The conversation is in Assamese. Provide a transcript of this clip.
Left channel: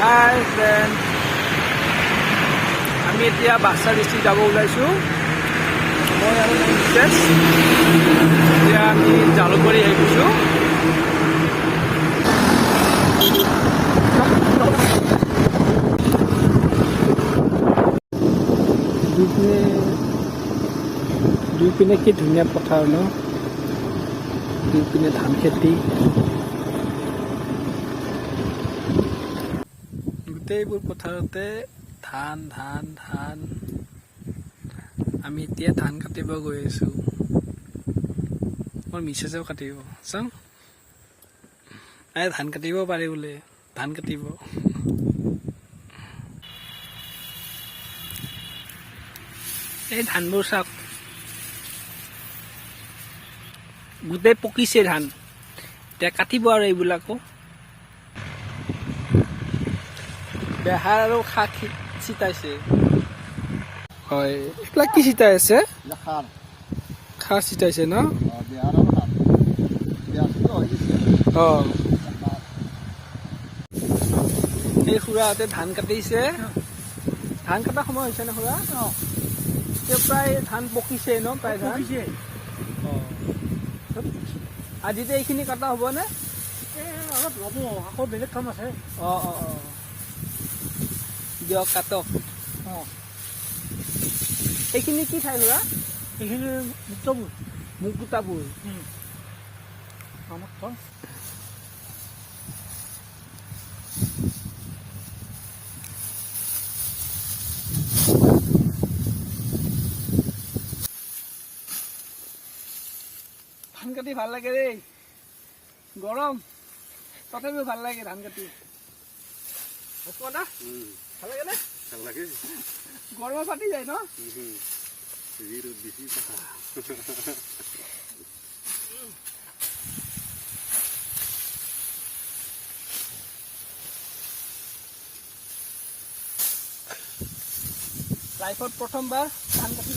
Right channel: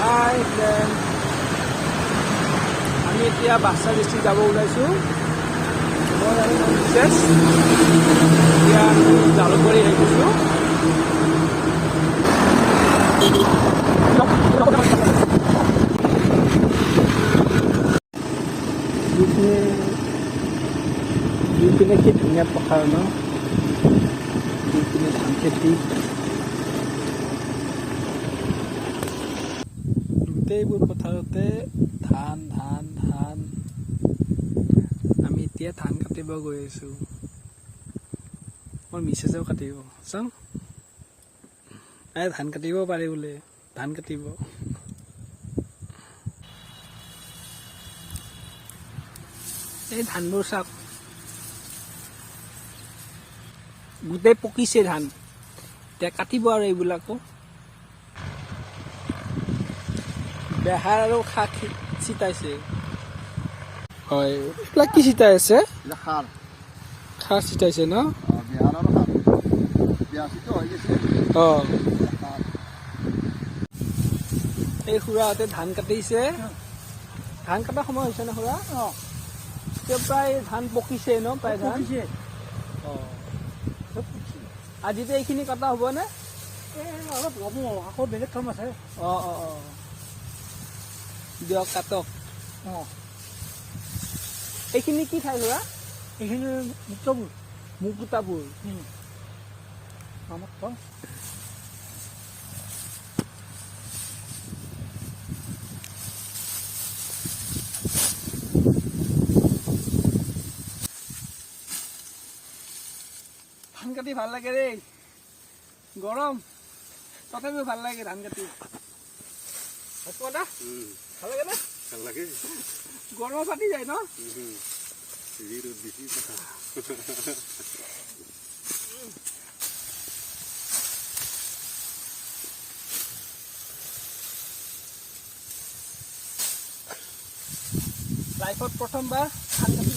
হাই ফ্ৰেণ্ড, আমি এতিয়া বাক্সা ডিষ্ট্ৰিক্ট যাব ওলাইছোঁ। মই আৰু মিছেছ এতিয়া আমি জালুকবাৰী আহি গৈছোঁ। দুই পিনে কি ধুনীয়া পথাৰ ন, দুই পিনে ধান খেতি, গোটেইবোৰ পথাৰতে ধান ধান ধান। আমি এতিয়া ধান কাটিব গৈ আছোঁ। মোৰ মিছেছেও কাটিব চাওঁ, ধান কাটিব পাৰে বোলে, ধান কাটিব। এই ধানবোৰ চাওক, গোটেই পকিছে ধান, এতিয়া কাটিব আৰু এইবিলাকো। বেহাৰ আৰু শাক ছিটাইছে। হয়, এইবিলাক কি ছিটাই আছে? খাৰ ছিটাইছে ন? অঁ, এই খুৰাহঁতে ধান কাটিছে। ধান কটা সময় হৈছে নে খুৰা? এতিয়া প্ৰায় ধান পকিছে ন? প্ৰায় ধান অঁ, আজিতো এইখিনি কটা হ'বনে? অলপ ল'ব, আকৌ বেলেগ কাম আছে। অঁ অঁ অঁ, দিয়ক কাটক। অঁ, এইখিনি কি ঠাই ল'ৰা? এইখিনি মুক্তবোৰ মুকুতাবোৰ। আমাক কম। ধান কাটি ভাল লাগে দেই, গৰম তথাপিও ভাল লাগে ধান কাটি। ভাল লাগে নে? ভাল লাগে। গৰম ফাটি যায় ন? লাইফত প্ৰথমবাৰ ধান কাটি